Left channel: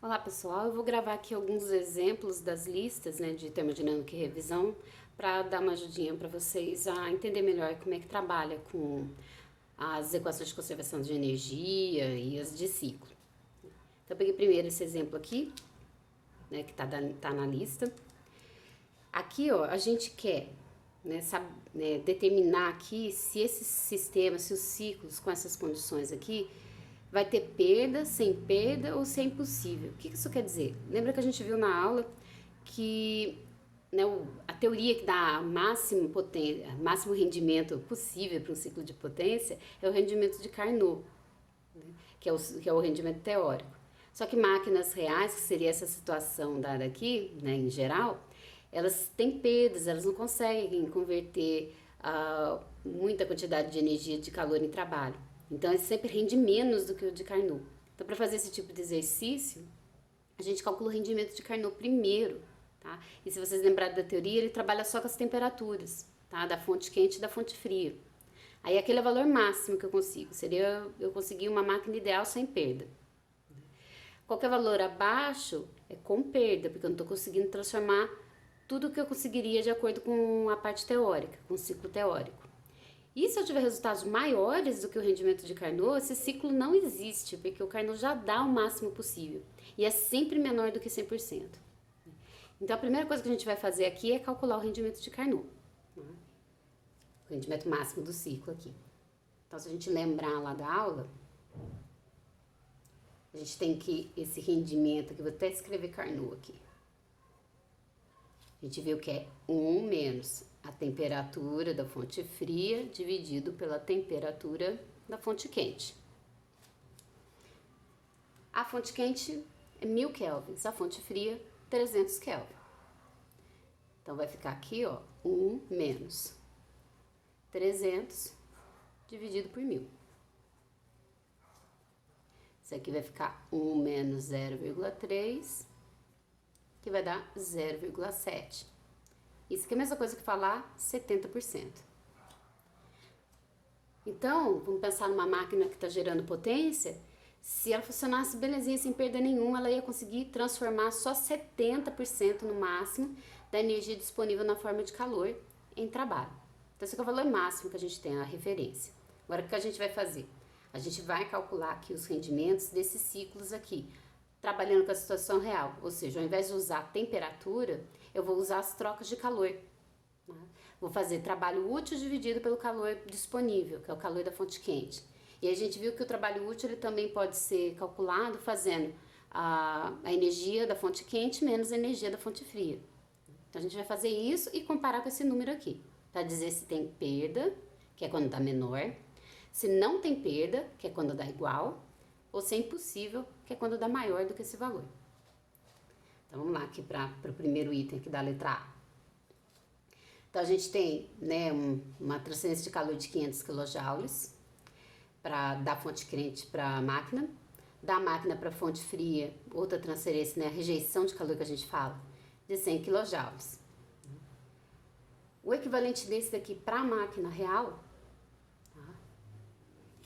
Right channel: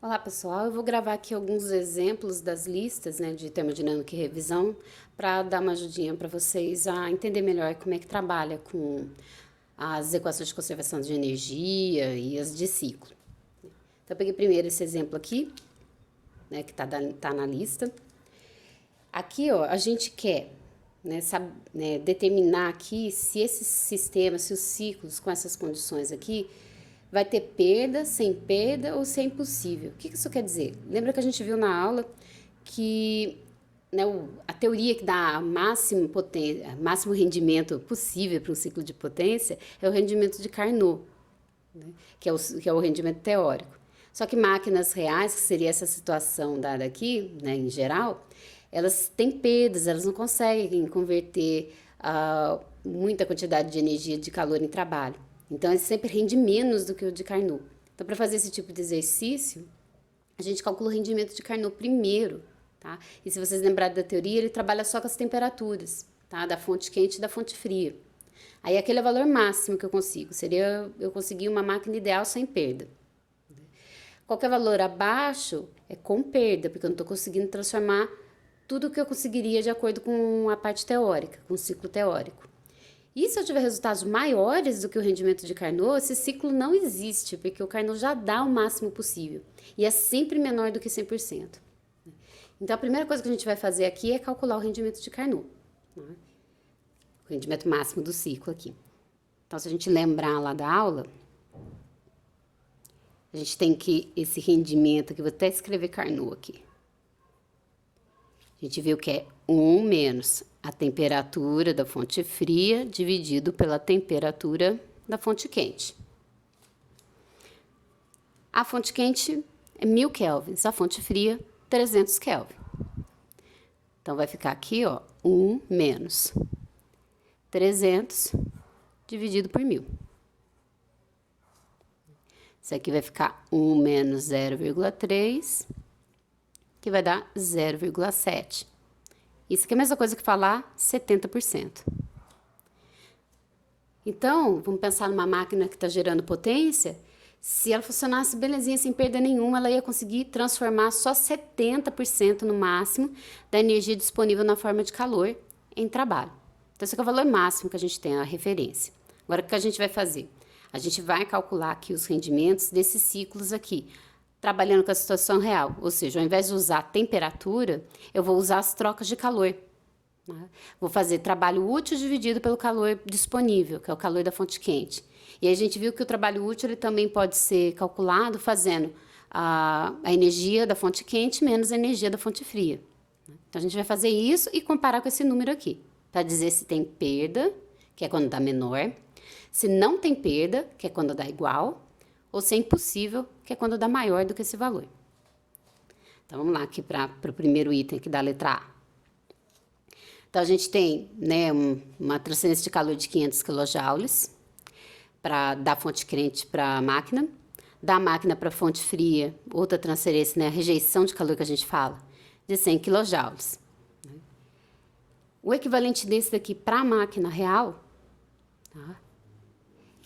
Olá pessoal, eu vou gravar aqui alguns exemplos das listas, né, de termodinâmica e revisão para dar uma ajudinha para vocês a entender melhor como é que trabalha com as equações de conservação de energia e as de ciclo. Então eu peguei primeiro esse exemplo aqui, né, que tá na lista. Aqui, ó, a gente quer, né, determinar aqui se esses sistemas, se os ciclos com essas condições aqui vai ter perda, sem perda ou se é impossível. O que isso quer dizer? Lembra que a gente viu na aula que, né, a teoria que dá máximo rendimento possível para um ciclo de potência é o rendimento de Carnot, né, que é o rendimento teórico. Só que máquinas reais, que seria essa situação dada aqui, né, em geral, elas têm perdas, elas não conseguem converter muita quantidade de energia de calor em trabalho. Então, ele sempre rende menos do que o de Carnot. Então, para fazer esse tipo de exercício, a gente calcula o rendimento de Carnot primeiro, tá? E se vocês lembrarem da teoria, ele trabalha só com as temperaturas, tá? Da fonte quente e da fonte fria. Aí, aquele é o valor máximo que eu consigo. Seria eu conseguir uma máquina ideal sem perda. Qualquer valor abaixo é com perda, porque eu não estou conseguindo transformar tudo o que eu conseguiria de acordo com a parte teórica, com o ciclo teórico. E se eu tiver resultados maiores do que o rendimento de Carnot, esse ciclo não existe, porque o Carnot já dá o máximo possível. E é sempre menor do que 100%. Então, a primeira coisa que a gente vai fazer aqui é calcular o rendimento de Carnot. Né? O rendimento máximo do ciclo aqui. Então, se a gente lembrar lá da aula, a gente tem que esse rendimento aqui, vou até escrever Carnot aqui. A gente viu que é 1 menos a temperatura da fonte fria dividido pela temperatura da fonte quente. A fonte quente é 1000 kelvins, a fonte fria 300 kelvin. Então, vai ficar aqui, ó, 1 menos 300 dividido por 1000. Isso aqui vai ficar 1 menos 0,3, que vai dar 0,7. Isso aqui é a mesma coisa que falar 70%. Então, vamos pensar numa máquina que está gerando potência. Se ela funcionasse belezinha, sem perda nenhuma, ela ia conseguir transformar só 70% no máximo da energia disponível na forma de calor em trabalho. Então, esse aqui é o valor máximo que a gente tem, a referência. Agora, o que a gente vai fazer? A gente vai calcular aqui os rendimentos desses ciclos aqui, trabalhando com a situação real. Ou seja, ao invés de usar a temperatura, eu vou usar as trocas de calor. Né? Vou fazer trabalho útil dividido pelo calor disponível, que é o calor da fonte quente. E a gente viu que o trabalho útil ele também pode ser calculado fazendo a energia da fonte quente menos a energia da fonte fria. Então, a gente vai fazer isso e comparar com esse número aqui, para dizer se tem perda, que é quando dá menor, se não tem perda, que é quando dá igual, ou se é impossível, que é quando dá maior do que esse valor. Então, vamos lá aqui para o primeiro item aqui da letra A. Então, a gente tem, né, uma transferência de calor de 500 kJ da fonte quente para a máquina. Da máquina para a fonte fria, outra transferência, né, a rejeição de calor que a gente fala, de 100 kJ. O equivalente desse daqui para a máquina real, tá,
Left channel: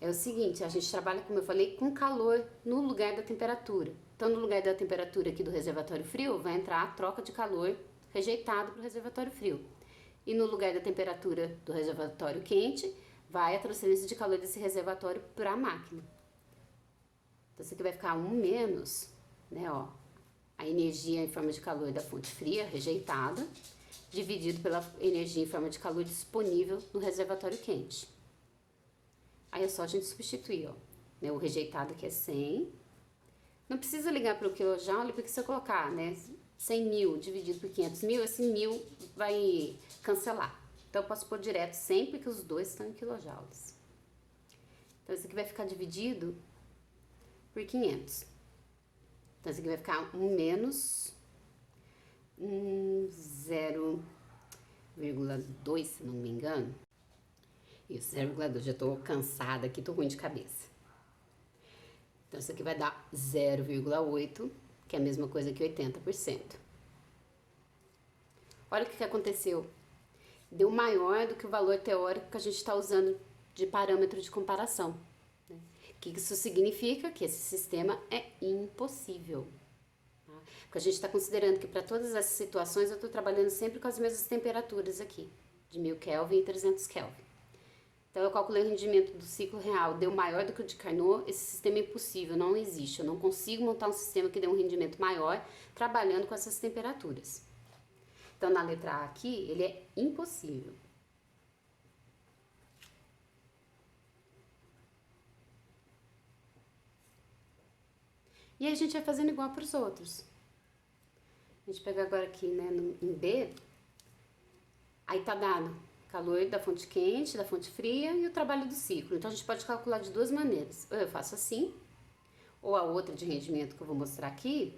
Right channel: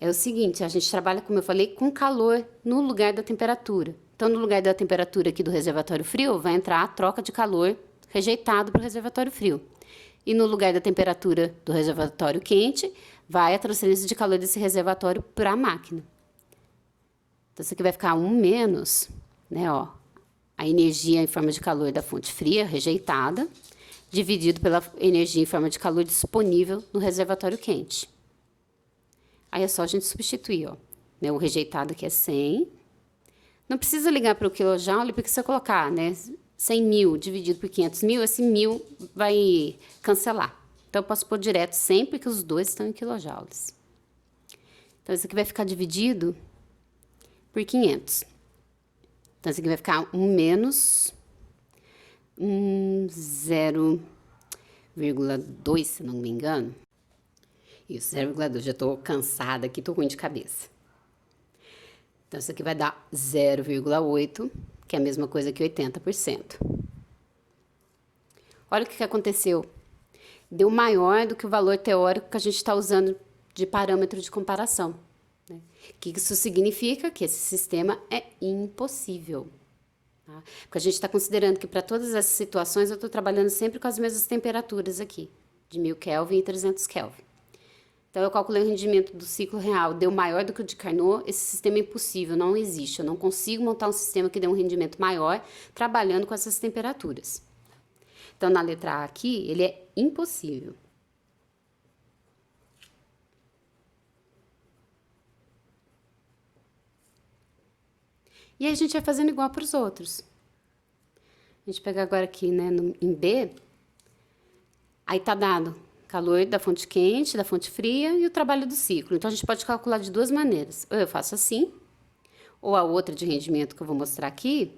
é o seguinte, a gente trabalha, como eu falei, com calor no lugar da temperatura. Então, no lugar da temperatura aqui do reservatório frio, vai entrar a troca de calor rejeitado para o reservatório frio. E no lugar da temperatura do reservatório quente, vai a transferência de calor desse reservatório para a máquina. Então, isso aqui vai ficar 1 menos, né, ó, a energia em forma de calor da fonte fria, rejeitada, dividido pela energia em forma de calor disponível no reservatório quente. Aí é só a gente substituir, ó, né, o rejeitado aqui é 100. Não precisa ligar para o quilojoule, porque se eu colocar, né, 100.000 dividido por 500.000, esse 1000 vai cancelar. Então, eu posso pôr direto sempre que os dois estão em quilojoules. Então, isso aqui vai ficar dividido por 500. Então, isso aqui vai ficar 1 menos 0,2, se não me engano. Isso, 0,2. Já estou cansada aqui, estou ruim de cabeça. Então, isso aqui vai dar 0,8, que é a mesma coisa que 80%. Olha o que aconteceu. Deu maior do que o valor teórico que a gente está usando de parâmetro de comparação. Né? O que isso significa? Que esse sistema é impossível. tá? Porque a gente está considerando que para todas essas situações eu estou trabalhando sempre com as mesmas temperaturas aqui, de 1000 Kelvin e 300 Kelvin. Então, eu calculei o rendimento do ciclo real, deu maior do que o de Carnot, esse sistema é impossível, não existe. Eu não consigo montar um sistema que dê um rendimento maior trabalhando com essas temperaturas. Então, na letra A aqui, ele é impossível. E aí, a gente vai fazendo igual para os outros. A gente pega agora aqui, né, em B, aí tá dado calor da fonte quente, da fonte fria e o trabalho do ciclo. Então, a gente pode calcular de duas maneiras. Ou eu faço assim, ou a outra de rendimento que eu vou mostrar aqui,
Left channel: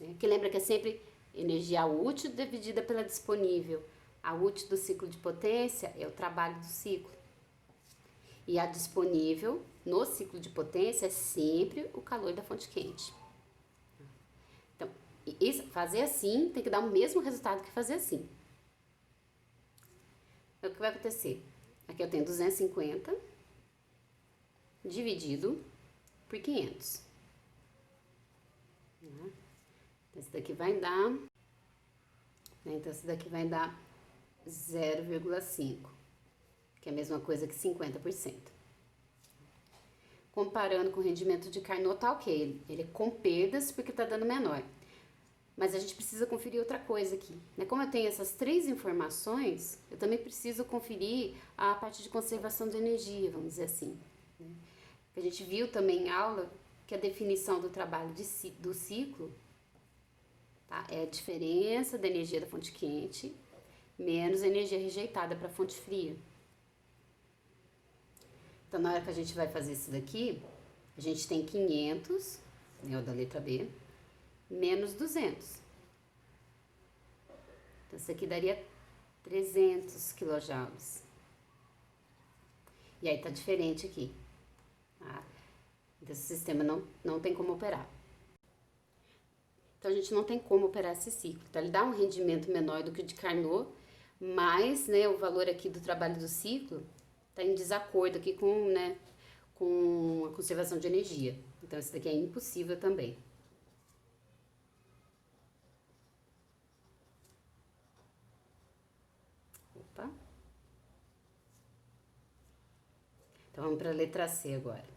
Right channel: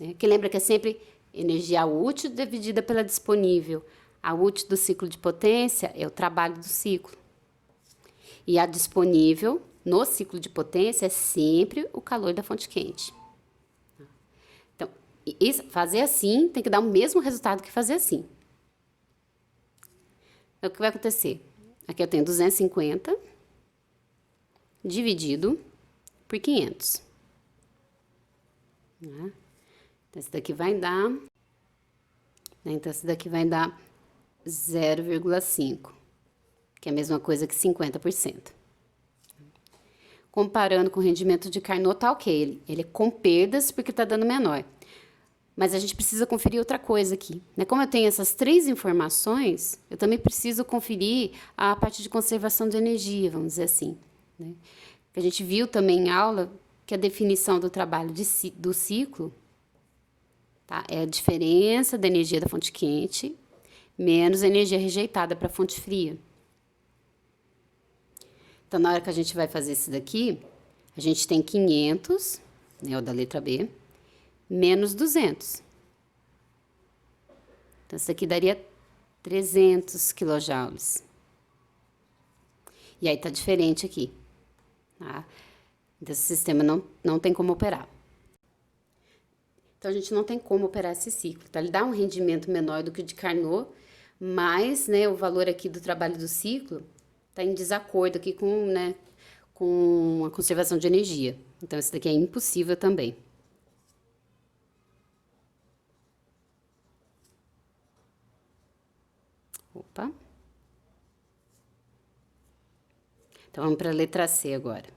né, que lembra que é sempre energia útil dividida pela disponível. A útil do ciclo de potência é o trabalho do ciclo. E a disponível no ciclo de potência é sempre o calor da fonte quente. Então, fazer assim tem que dar o mesmo resultado que fazer assim. Então, o que vai acontecer? Aqui eu tenho 250 dividido por 500. Né? Então, esse daqui vai dar... Então, esse daqui vai dar 0,5, que é a mesma coisa que 50%. Comparando com o rendimento de Carnot, tá ok. Ele é com perdas porque tá dando menor. Mas a gente precisa conferir outra coisa aqui, né? Como eu tenho essas três informações, eu também preciso conferir a parte de conservação de energia, vamos dizer assim, né? A gente viu também em aula que a definição do trabalho do ciclo, tá, é a diferença da energia da fonte quente menos a energia rejeitada para a fonte fria. Então, na hora que a gente vai fazer isso daqui, a gente tem 500, né, o da letra B, menos 200. Então, isso aqui daria 300 quilojoules. E aí, tá diferente aqui, tá? Então, esse sistema não tem como operar. Então, a gente não tem como operar esse ciclo, tá? Ele dá um rendimento menor do que o de Carnot, mas, né, o valor aqui do trabalho do ciclo tá em desacordo aqui com, né, com a conservação de energia. Então, esse daqui é impossível também. Opa. Então, vamos para a letra C agora.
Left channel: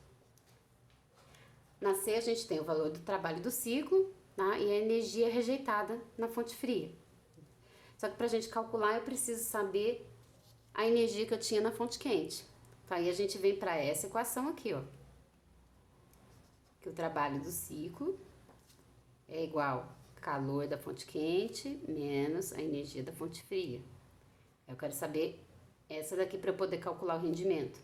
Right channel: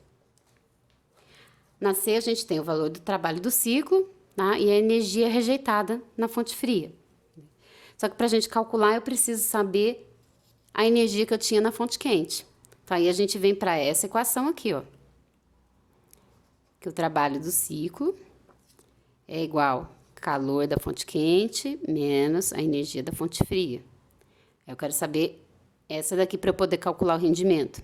Na C, a gente tem o valor do trabalho do ciclo, tá? E a energia rejeitada na fonte fria. Só que para a gente calcular, eu preciso saber a energia que eu tinha na fonte quente. Então, aí a gente vem para essa equação aqui, ó. Que o trabalho do ciclo é igual calor da fonte quente menos a energia da fonte fria. Eu quero saber essa daqui para eu poder calcular o rendimento.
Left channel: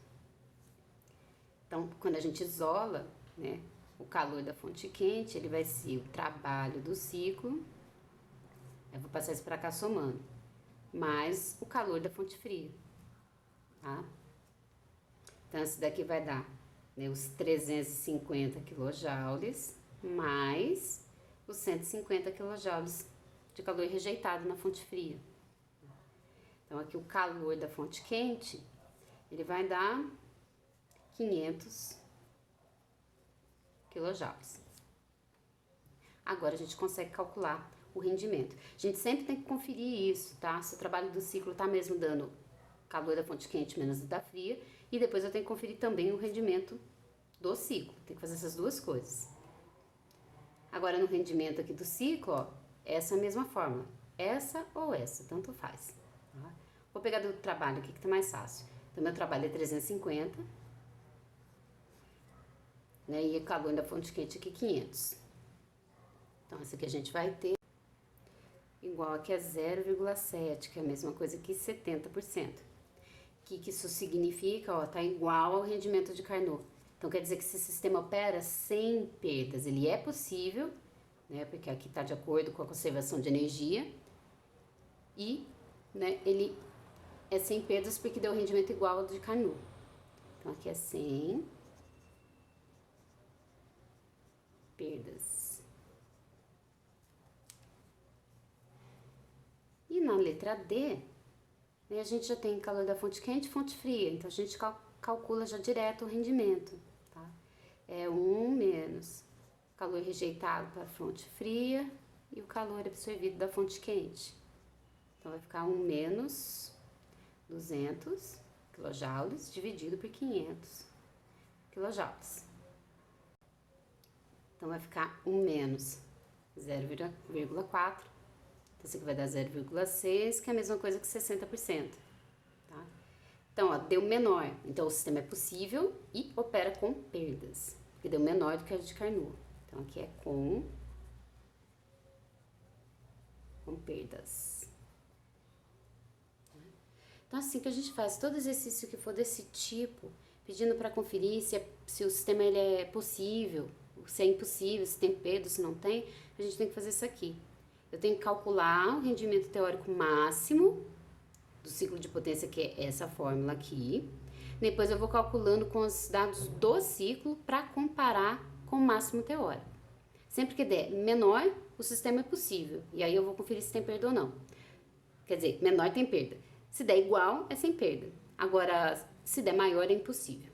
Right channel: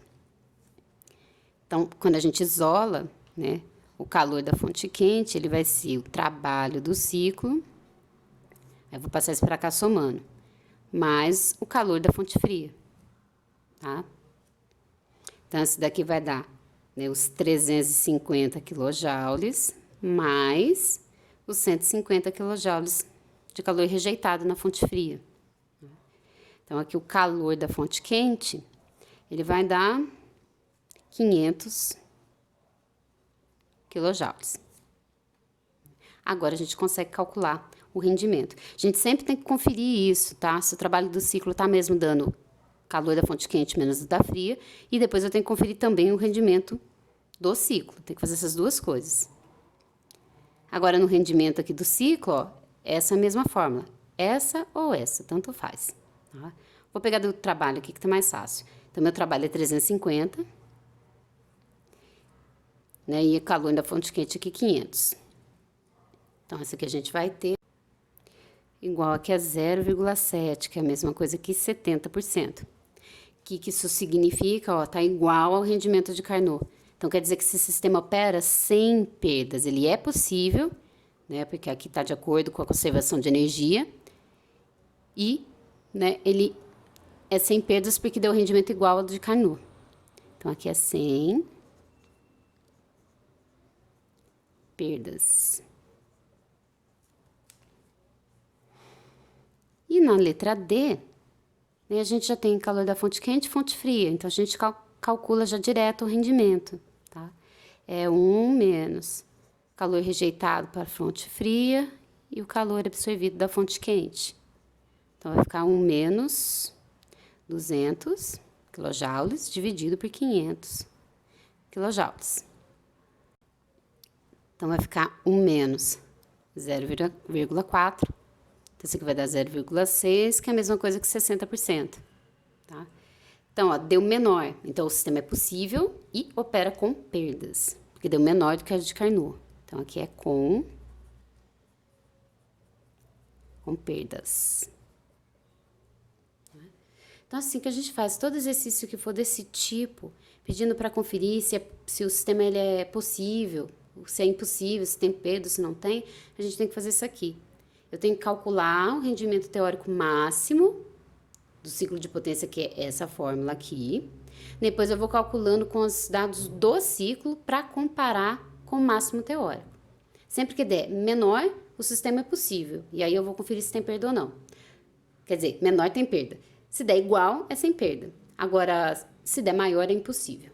Então, quando a gente isola, né, o calor da fonte quente, ele vai ser o trabalho do ciclo, eu vou passar isso para cá somando, mais o calor da fonte fria, tá? Então, esse daqui vai dar, né, os 350 quilojoules mais os 150 quilojoules de calor rejeitado na fonte fria. Então, aqui o calor da fonte quente, ele vai dar 500 quilojoules. Agora, a gente consegue calcular o rendimento. A gente sempre tem que conferir isso, tá? Se o trabalho do ciclo tá mesmo dando calor da fonte quente menos o da fria, e depois eu tenho que conferir também o rendimento do ciclo. Tem que fazer essas duas coisas. Agora, no rendimento aqui do ciclo, ó, essa é a mesma fórmula. Essa ou essa, tanto faz. Tá? Vou pegar do trabalho aqui, que tá mais fácil. Então, meu trabalho é 350, né? E o calor da fonte quente aqui, 500. Então, essa aqui a gente vai ter igual aqui a 0,7, que é a mesma coisa que 70%. O que isso significa? Ó, tá igual ao rendimento de Carnot. Então, quer dizer que esse sistema opera sem perdas. Ele é possível, né? Porque aqui está de acordo com a conservação de energia. E, né, ele é sem perdas porque deu rendimento igual ao de Carnot. Então, aqui é sem perdas. E na letra D, né, a gente já tem calor da fonte quente e fonte fria. Então, a gente calcula já direto o rendimento, tá? É 1 menos calor rejeitado para a fonte fria e o calor absorvido da fonte quente. Então, vai ficar 1 menos 200 kJ dividido por 500 kJ. Então, vai ficar 1 menos 0,4. Então, isso aqui vai dar 0,6, que é a mesma coisa que 60%. Tá? Então, ó, deu menor. Então, o sistema é possível e opera com perdas, porque deu menor do que a de Carnot. Então, aqui é com perdas. Então, assim que a gente faz todo exercício que for desse tipo, pedindo para conferir se o sistema ele é possível, se é impossível, se tem perda, se não tem, a gente tem que fazer isso aqui. Eu tenho que calcular o rendimento teórico máximo do ciclo de potência, que é essa fórmula aqui. Depois eu vou calculando com os dados do ciclo para comparar com o máximo teórico. Sempre que der menor, o sistema é possível. E aí eu vou conferir se tem perda ou não. Quer dizer, menor tem perda. Se der igual, é sem perda. Agora, se der maior, é impossível.